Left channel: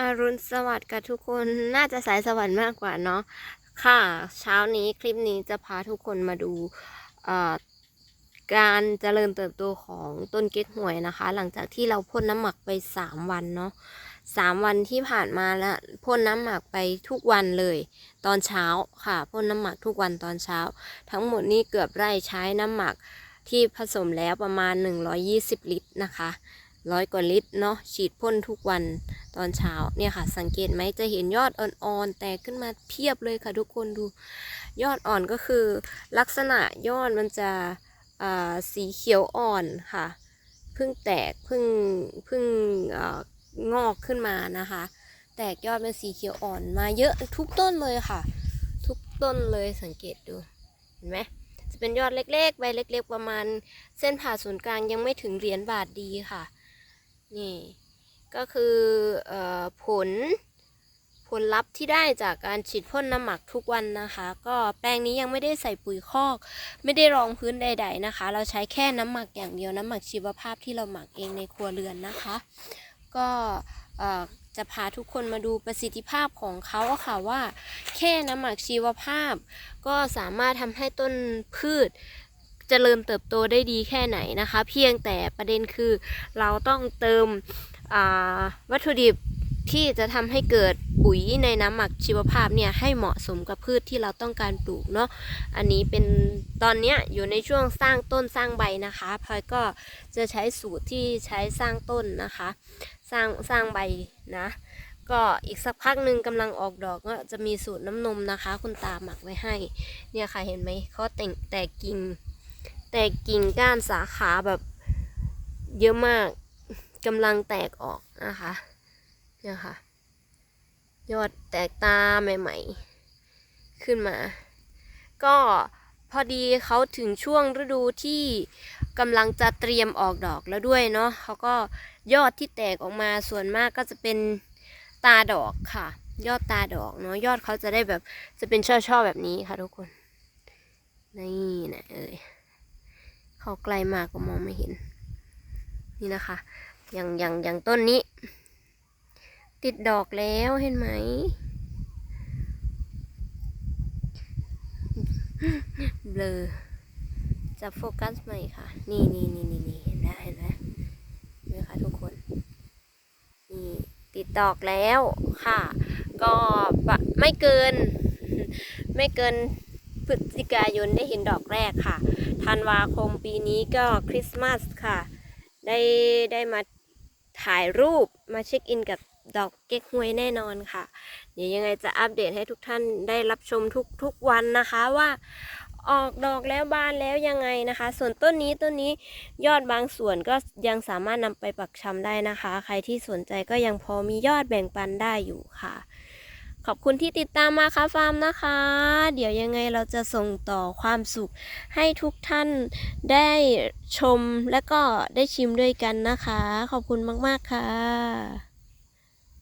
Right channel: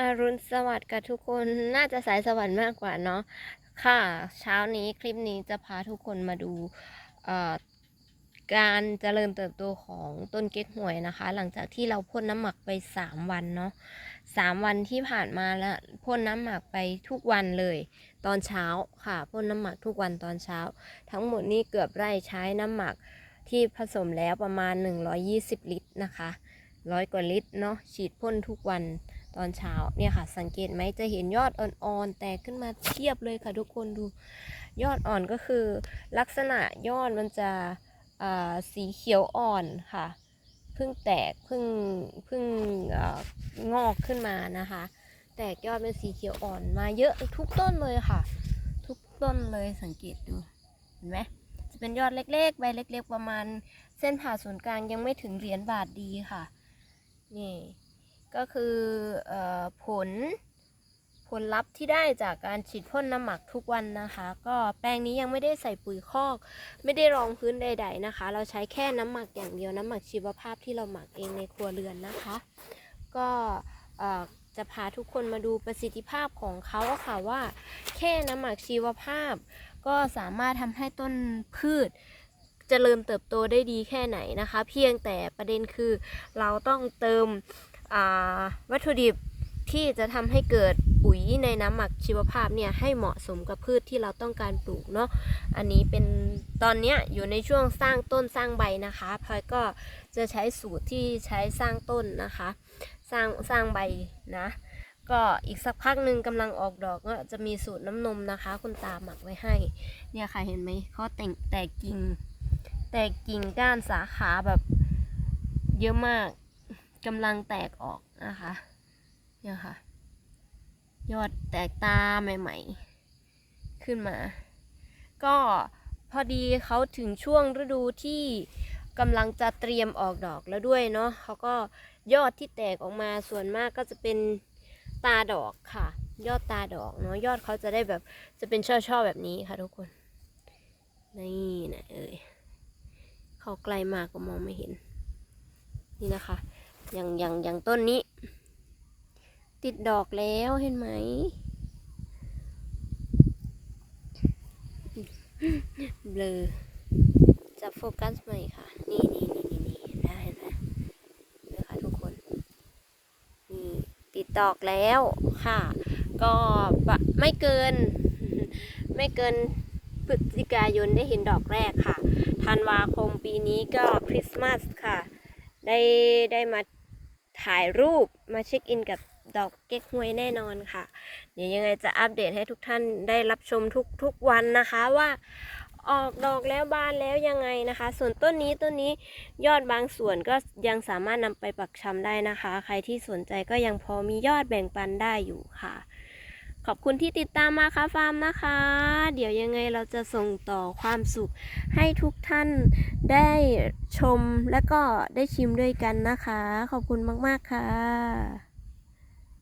อรุณสวัสดิ์กับทุกคนน่าจะสายสวรรค์มากกว่าเนาะค่ะ เช้านี้คลิปนี้จะพาทุกคนมาดูเอ่อการเจริญเติบโตของต้นเก๊กฮวยนะคะ หลังจากที่เราพ่นน้ำหมักไป 3 วันเนาะสามวันที่ผ่านมาล้วพ่นน้ำหมักไปทุกวันเลย ตอนเช้าค่ะพ่นน้ำหมักทุกวันตอนเช้า ทั้งหมดนี้เกือบไร่ใช้น้ำหมักที่ผสมแล้วประมาณ 120 ลิตรนะคะ ร้อยกว่าลิตรเนาะฉีดพ่นทุกวันตอนเช้าเนี่ยค่ะ สังเกตไหมจะเห็นยอดอ่อนๆแตกขึ้นมาเทียบเลยค่ะทุกคนดูยอดอ่อนก็คือ ลักษณะยอดมันจะสีเขียวอ่อนค่ะเพิ่งแตกเพิ่งเพิ่งอ่องอกขึ้นมานะคะ แตกยอดเป็นสีเขียวอ่อนมาเยอะทุกต้นเลยค่ะ ทุกต้นเลยสังเกตดูเห็นไหมจะเป็นยอดเล็กๆใบเล็ก ๆ ประมาณ เส้นผ่าศูนย์กลางยังไม่ถึงเหรียญบาทดีค่ะ นี่ก็คืออผลผลลัพธ์ที่ได้จากการฉีดพ่นน้ำหมักทุกวันนะคะ ก็แปลงนี้ยังไม่ได้ใส่ปุ๋ยคอก ไม่ได้รองพื้นใด ๆนะคะ เราใช้แค่น้ำหมักอย่างเดียวน้ำหมักชีวภาพที่เราหมักเองในครัวเรือนนะคะ ก็จะพาทุกคนมาดูประสิทธิภาพของเขาค่ะว่า แค่น้ำหมักชีวภาพ ก็สามารถทำให้ต้นพืช เจริญเติบโตได้ดีแค่ไหนนะคะ เพียงแต่ประเด็นคือเราต้องเติมวัตถุดิบที่จะทำให้เกิดปุ๋ยในน้ำหมักชีวภาพเนี่ยให้เหมาะสมกับพืชที่เราต้องการปลูกเนาะ อันนี้เป็นตอนนี้อยู่ในช่วงสร้างต้นสร้างใบนะคะพลอยก็จะใช้สูตรที่ใช้สร้างต้นนะคะ สร้างสร้างใบนะ ก็อีกสักพักหนึ่งกำลังออกดอกก็จะมีสูตรน้ำนมนะคะ คุณตาหมักไว้ให้ เนี่ยค่ะเห็นไหมเขาแต่งแตกกิ่ง แตกกิ่งก้านสาขาแบบเยอะมากกำลังแตกออกนะคะเนี่ยค่ะ ยอดแตกตาใหม่ๆ ขึ้นมา ก็พอดีเขาถึงช่วงฤดูที่กำลังจะเตรียมออกดอกแล้วด้วยเนาะเขาก็ยอดที่แตกออกมาส่วนมากก็จะเป็นตาดอกค่ะ ยอดตาดอกเนาะยอดเขาจะได้แบบจะเป็นช่อๆแบบนี้ค่ะทุกคน นี่นะเอ่ย เขาไกลมากก็มองไม่เห็น นี่นะคะ อย่างอย่างอย่างต้นนี้ ติดดอกแล้วเห็นไหม เบลอจับโฟกัสใหม่ค่ะ นี่นี่นี่นี่นี่เห็นได้เห็นไหมนไหมคะทุกคน นี่ติดดอกแล้วค่ะ ก็ไม่เกิน ไม่เกิน ศจิกายนได้เห็นดอกแรกค่ะ ธันวาคมปีนี้ก็คริสต์มาสค่ะ ได้ได้มาถ่ายรูปมาเช็คอินกับดอกเก๊กฮวยแน่นอนค่ะ เดี๋ยวยังไงจะอัปเดตให้ทุกท่านได้รับชมทุกทุกวันนะคะว่าออกดอกแล้วบานแล้วยังไงนะคะ ส่วนต้นนี้ต้นนี้ยอดบางส่วนก็ยังสามารถนำไปปักชำได้นะคะ ใครที่สนใจก็ยังพอมียอดแบ่งปันได้อยู่ค่ะ ขอบคุณที่ติดตามมาค่ะฟาร์มนะคะ เดี๋ยวยังไงเราจะส่งต่อความสุข ให้ทุกท่านได้ชมและก็ได้ชิมด้วยกันนะคะ ขอบคุณมาก ๆ ค่ะ